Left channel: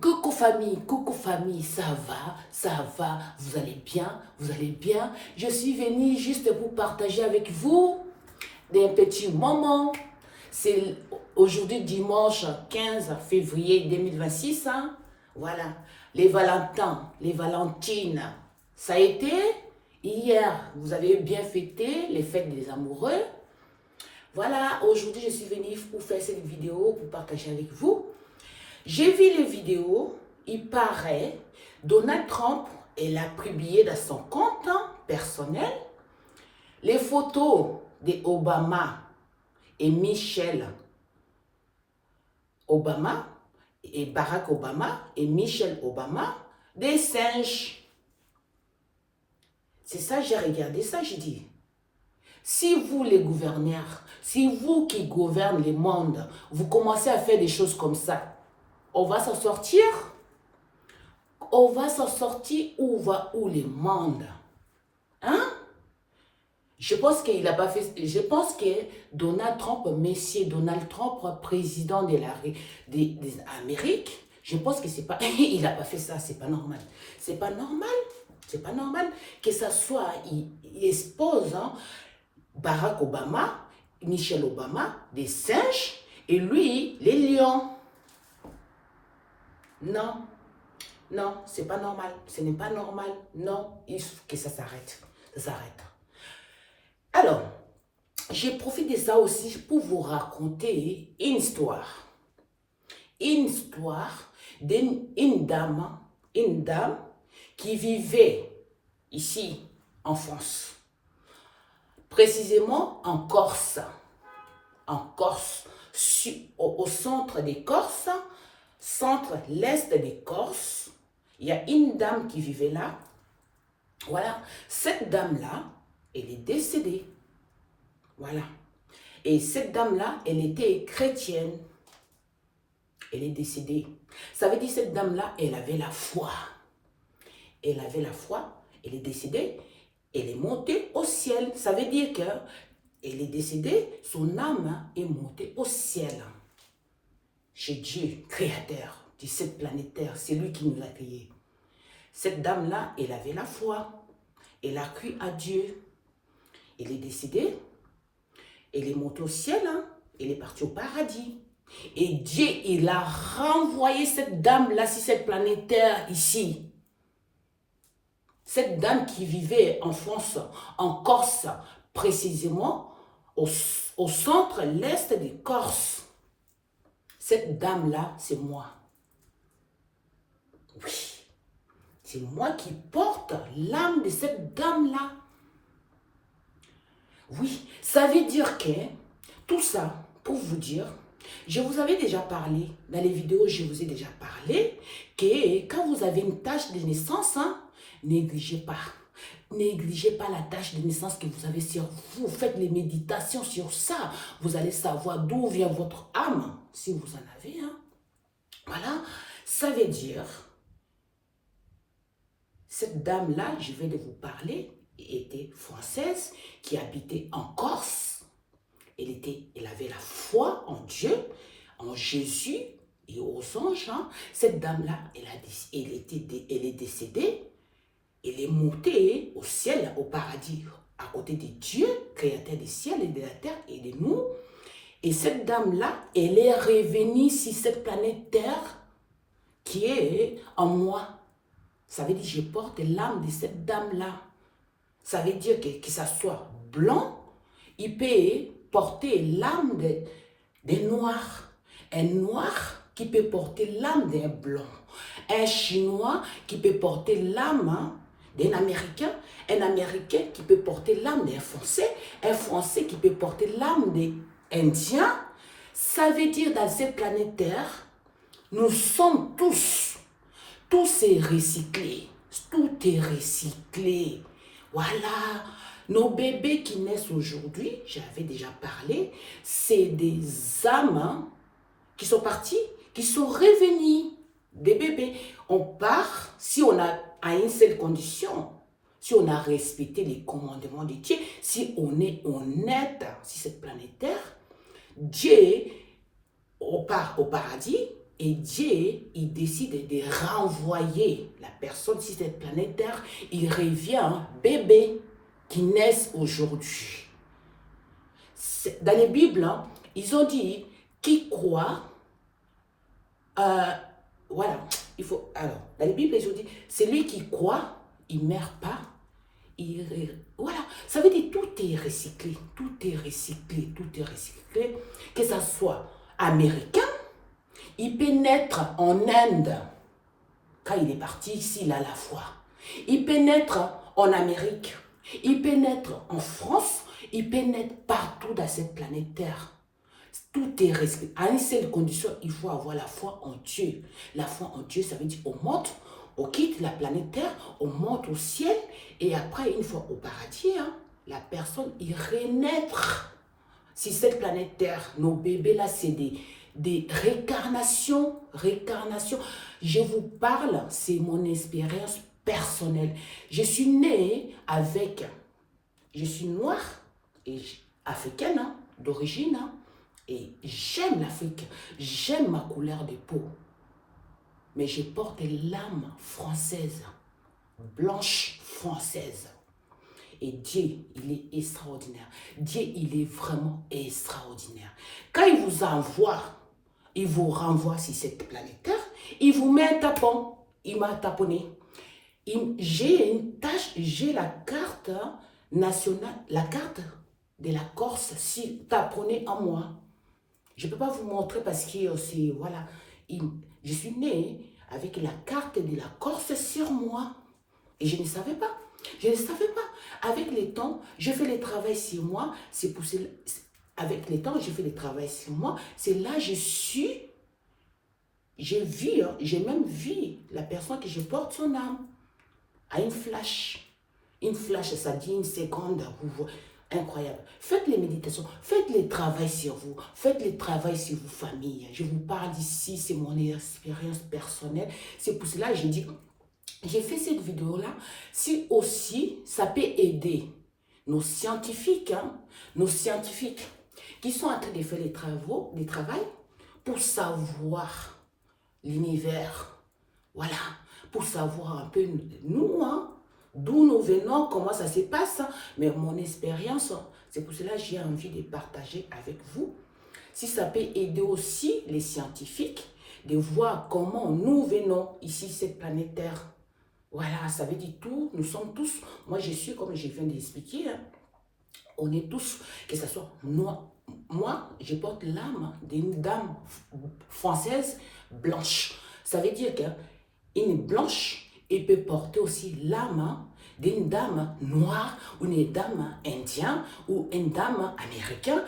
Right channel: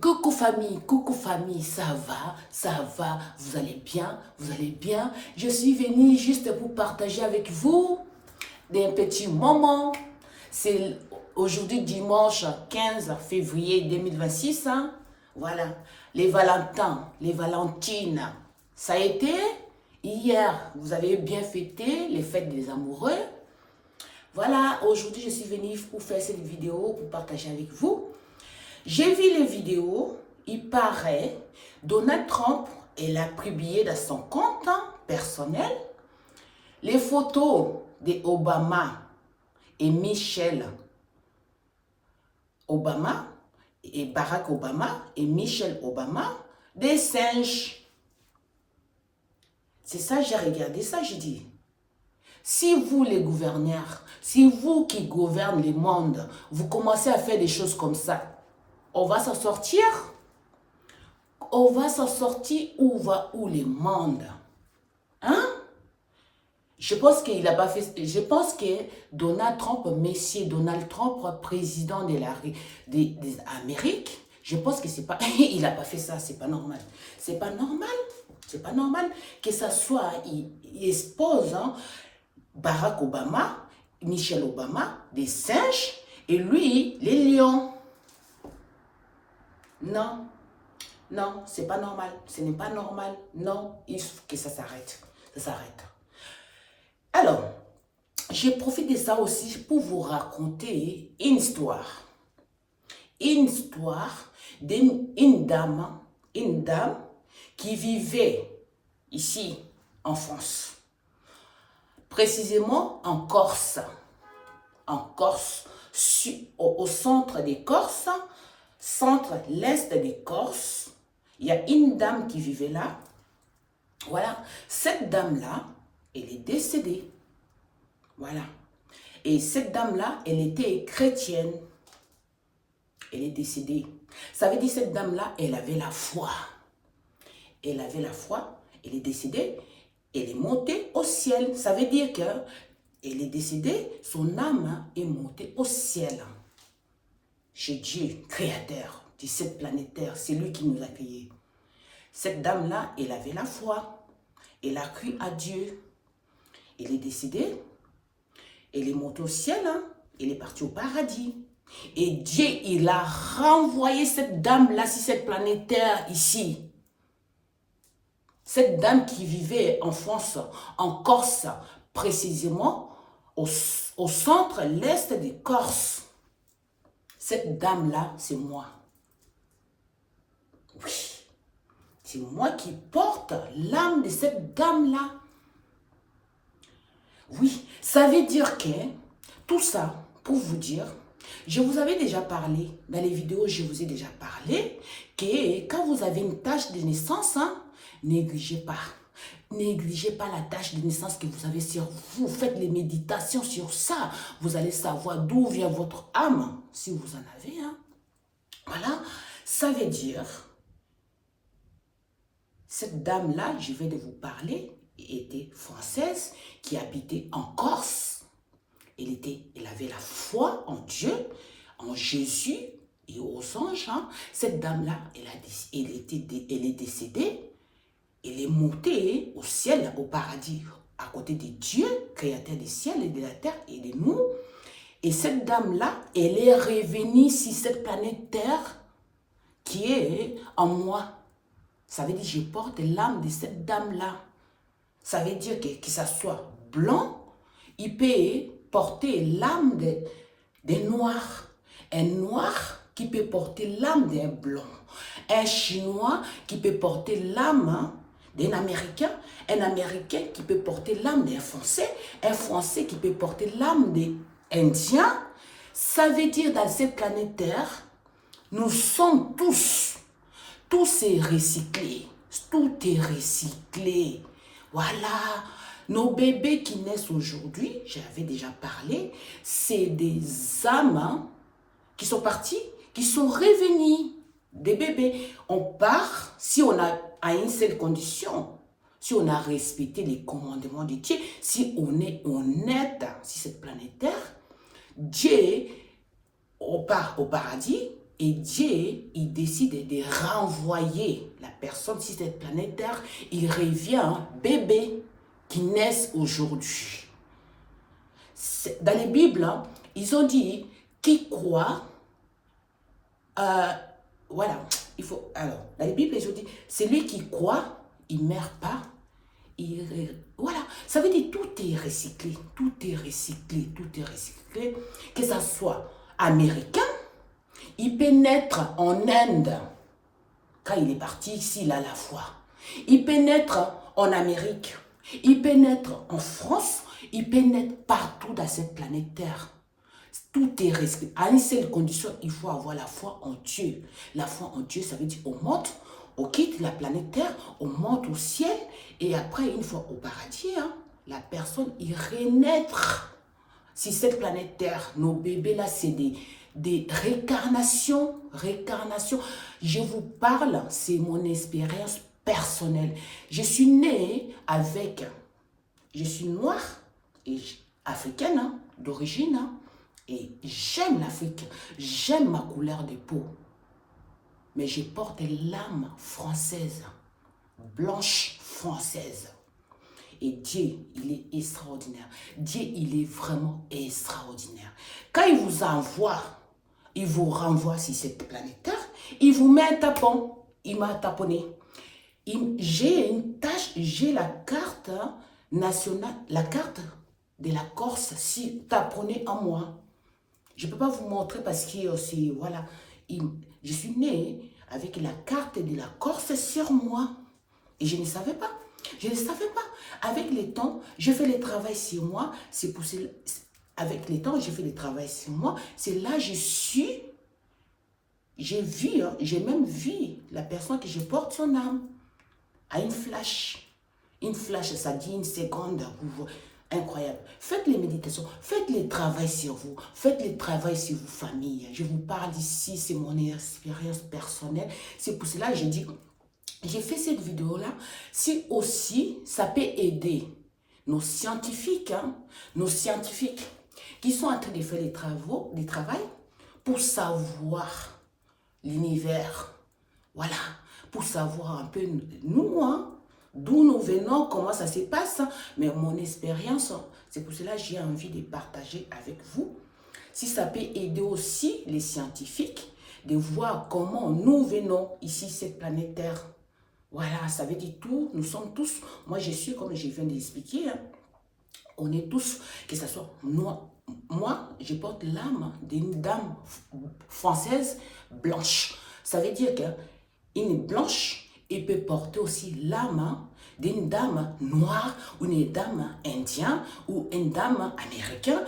coucou famille, ça va, vous allez bien. Je suis venue juste pour partager avec vous des petits moments. C'est aujourd'hui dimanche 15 février 2026, hein. Voilà, les Valentins, les Valentines, ça a été hier, vous avez bien fêté les fêtes des amoureux. Voilà, aujourd'hui je suis venue pour faire cette vidéo, pour partager avec vous. J'ai vu les vidéos, il paraît, Donald Trump, elle a publié dans son compte personnel les photos d'Obama et Michelle Obama, et Barack Obama et Michelle Obama, des singes. C'est ça, j'ai regardé ça, j'ai dit, si vous les gouverneurs, si vous qui gouvernez le monde, vous commencez à faire des choses comme ça, on va s'en sortir. On va s'en sortir où va où le monde? Hein? Je pense qu'il n'a pas fait. Je pense que Donald Trump, monsieur Donald Trump, président des Amériques, je pense que c'est pas. Il n'a pas fait ça, c'est pas normal. C'est pas normal. C'est pas normal que ça soit. Il expose Barack Obama, Michelle Obama, des singes, et lui, les lions. Non, non, c'est pas normal. Ce n'est pas normal. Non, il faut que ça s'arrête. Ça s'arrête. Alors, j'ai profité de ça aussi pour vous raconter une histoire. Une histoire d'une dame qui vivait ici en France. Précisément en Corse. En Corse, au centre des Corses. Centre-l'est des Corses, il y a une dame qui vivait là. Voilà, cette dame-là, elle est décédée. Voilà. Et cette dame-là, elle était chrétienne. Elle est décédée. Ça veut dire cette dame-là, elle avait la foi. Elle avait la foi, elle est décédée, elle est montée au ciel. Ça veut dire qu'elle est décédée, son âme est montée au ciel. Chez Dieu, créateur de cette planète Terre, c'est lui qui nous a créés. Cette dame-là, elle avait la foi, elle a cru à Dieu. Elle est décédée, elle est montée au ciel, elle est partie au paradis. Et Dieu, il a renvoyé cette dame-là sur cette planète Terre ici. Cette dame qui vivait en France, en Corse, précisément au centre-l'est des Corses. Cette dame-là, c'est moi. Oui, c'est moi qui porte l'âme de cette dame-là. Oui, ça veut dire que, tout ça, pour vous dire, je vous avais déjà parlé, dans les vidéos, je vous ai déjà parlé, que quand vous avez une tâche de naissance, négligez pas. Négligez pas la tâche de naissance que vous avez sur vous. Faites les méditations sur ça. Vous allez savoir d'où vient votre âme, si vous en avez. Voilà, ça veut dire, cette dame-là, je vais de vous parler, était française, qui habitait en Corse. Elle avait la foi en Dieu, en Jésus et aux anges. Cette dame-là, elle est décédée. Elle est montée au ciel, au paradis, à côté de Dieu, créateur du ciel et de la terre et de nous. Et cette dame-là, elle est revenue sur cette planète Terre qui est en moi. Ça veut dire que je porte l'âme de cette dame-là. Ça veut dire que ça soit blanc, il peut porter l'âme des noirs. Un noir qui peut porter l'âme d'un blanc. Un chinois qui peut porter l'âme d'un Américain, un Américain qui peut porter l'âme d'un Français, un Français qui peut porter l'âme d'un Indien. Ça veut dire dans cette planète Terre, nous sommes tous est recyclé, tout est recyclé. Voilà, nos bébés qui naissent aujourd'hui, j'avais déjà parlé, c'est des âmes qui sont partis, qui sont revenus, des bébés. On part, si on a à une seule condition, si on a respecté les commandements de Dieu, si on est honnête sur cette planète Terre, Dieu, on part au paradis Et Dieu, il décide de renvoyer la personne sur cette planète Terre. Il revient un bébé qui naît aujourd'hui. Dans les Bibles, hein, ils ont dit qui croit, voilà, il faut, alors, dans les Bibles, ils ont dit, celui qui croit, il ne meurt pas, voilà, ça veut dire tout est recyclé, tout est recyclé, tout est recyclé, que ça soit américain, il peut naître en Inde, quand il est parti ici, il a la foi, il peut naître en Amérique, il peut naître en France, il peut naître partout dans cette planète Terre. Tout est respecté. À une seule condition, il faut avoir la foi en Dieu. La foi en Dieu, ça veut dire on monte, on quitte la planète Terre, on monte au ciel, et après, une fois au paradis, hein, la personne, il renaître. Si cette planète Terre, nos bébés là, c'est des réincarnations, Je vous parle, c'est mon expérience personnelle. Je suis née avec, je suis noire et africaine, hein, d'origine, hein, et j'aime l'Afrique, j'aime ma couleur de peau. Mais je porte l'âme française, blanche française. Et Dieu, il est extraordinaire. Dieu, il est vraiment extraordinaire. Quand il vous envoie, il vous renvoie sur cette planète Terre, il vous met un tapon. Il m'a taponné. J'ai une tâche, j'ai la carte nationale, la carte de la Corse, si taponnée en moi. Je ne peux pas vous montrer parce que c'est, voilà, je suis née avec la carte de la Corse sur moi. Et je ne savais pas. Je ne savais pas. Avec le temps, je fais le travail sur moi. C'est pour avec le temps, je fais le travail sur moi. C'est là que j'ai vu, hein, j'ai même vu la personne que je porte son âme à une flash. Une flash, ça dit une seconde. Incroyable. Faites les méditations, faites le travail sur vous, faites le travail sur vos familles. Je vous parle ici, c'est mon expérience personnelle. C'est pour cela que j'ai dit, j'ai fait cette vidéo-là, si aussi ça peut aider nos scientifiques, hein, qui sont en train de faire les travail pour savoir l'univers. Voilà, pour savoir un peu nous, hein, d'où nous venons, comment ça se passe. Mais mon expérience, c'est pour cela que j'ai envie de partager avec vous. Si ça peut aider aussi les scientifiques de voir comment nous venons ici, cette planète Terre. Voilà, ça veut dire tout. Nous sommes tous, moi je suis, comme je viens d'expliquer, hein, on est tous, que ce soit moi, je porte l'âme d'une dame française blanche. Ça veut dire qu'une blanche, elle peut porter aussi l'âme d'une dame noire, ou une dame indienne, ou une dame américaine.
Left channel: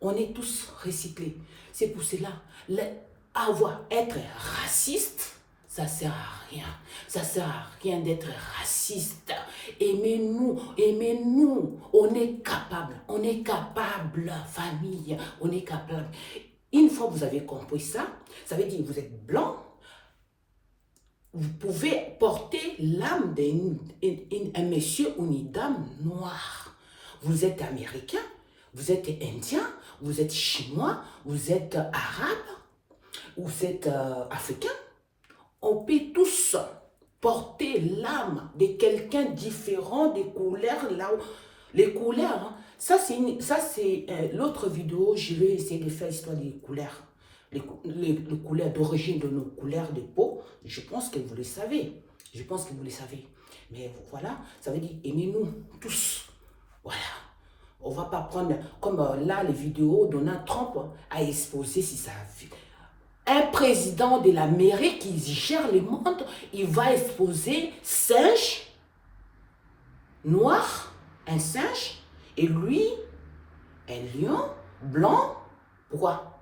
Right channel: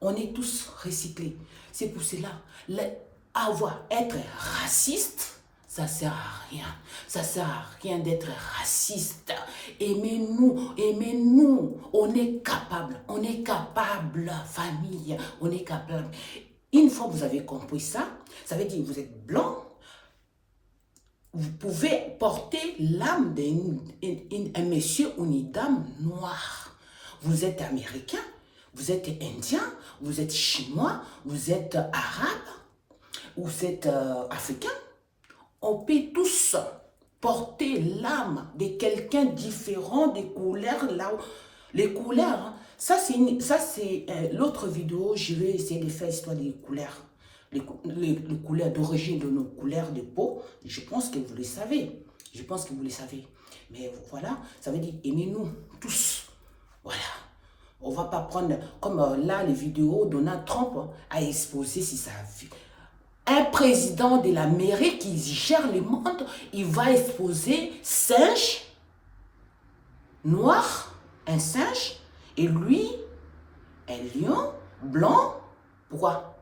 On est tous recyclés. C'est pour cela, être raciste, ça ne sert à rien. Ça ne sert à rien d'être raciste. Aimez-nous, aimez-nous. On est capable, famille. On est capable. Une fois que vous avez compris ça, ça veut dire que vous êtes blanc. Vous pouvez porter l'âme d'un monsieur ou une dame noire. Vous êtes américain, vous êtes indien, vous êtes chinois, vous êtes arabe, vous êtes africain. On peut tous porter l'âme de quelqu'un différent des couleurs. Là où, les couleurs, hein, ça c'est l'autre vidéo, je vais essayer de faire l'histoire des couleurs. Les couleurs d'origine de nos couleurs de peau, je pense que vous le savez. Je pense que vous le savez. Mais voilà, ça veut dire aimez-nous tous. Voilà. On ne va pas prendre, comme là, les vidéos, Donald Trump a exposé si ça a vu. Un président de l'Amérique qui gère le monde, il va exposer singe, noir, un singe, et lui, un lion, blanc. Pourquoi?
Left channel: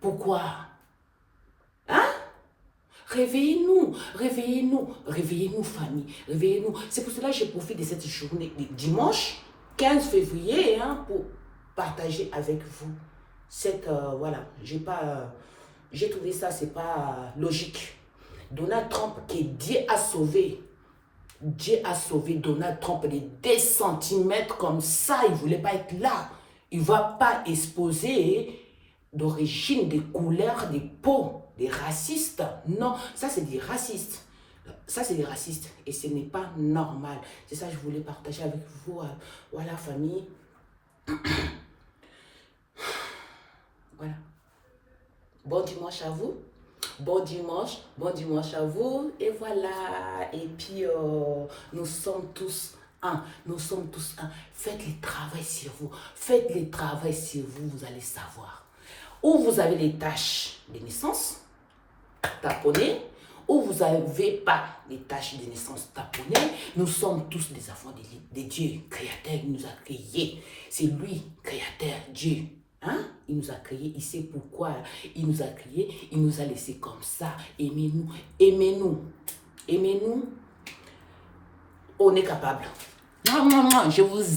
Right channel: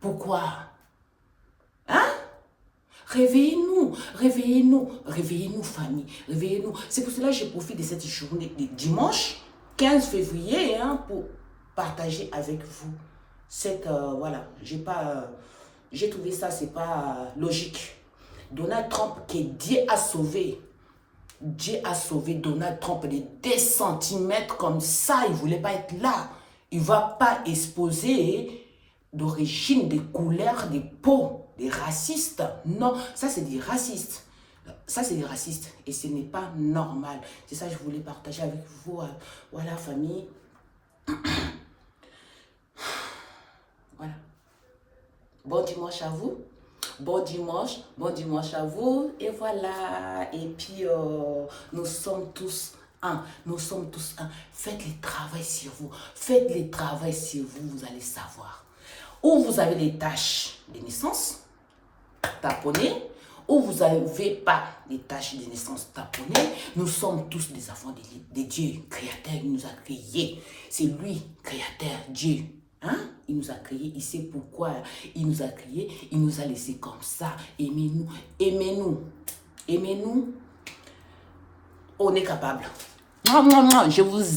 Pourquoi? Hein? Réveillez-nous, réveillez-nous, réveillez-nous famille, réveillez-nous. C'est pour cela que je profite de cette journée de dimanche 15 février hein, pour partager avec vous cette, voilà, j'ai trouvé ça, c'est pas logique. Donald Trump, que Dieu a sauvé Donald Trump de 2 centimètres comme ça, il ne voulait pas être là. Il ne va pas exposer d'origine, des couleurs, des peaux, des racistes. Non, ça c'est des racistes. Ça c'est des racistes et ce n'est pas normal. C'est ça que je voulais partager avec vous. Voilà, famille. Voilà. Bon dimanche à vous. Bon dimanche à vous. Et voilà. Et puis, nous sommes tous un. Nous sommes tous un. Faites le travail sur vous. Faites le travail sur vous, vous allez savoir. Où vous avez les taches de naissance, taponnez. Où vous n'avez pas les taches de naissance taponnées, nous sommes tous des enfants de Dieu, créateur, il nous a créés. C'est lui, créateur, Dieu. Hein? Il nous a créés, il sait pourquoi il nous a créés, il nous a laissés comme ça. Aimez-nous, aimez-nous, aimez-nous. On est capable. Je vous aime.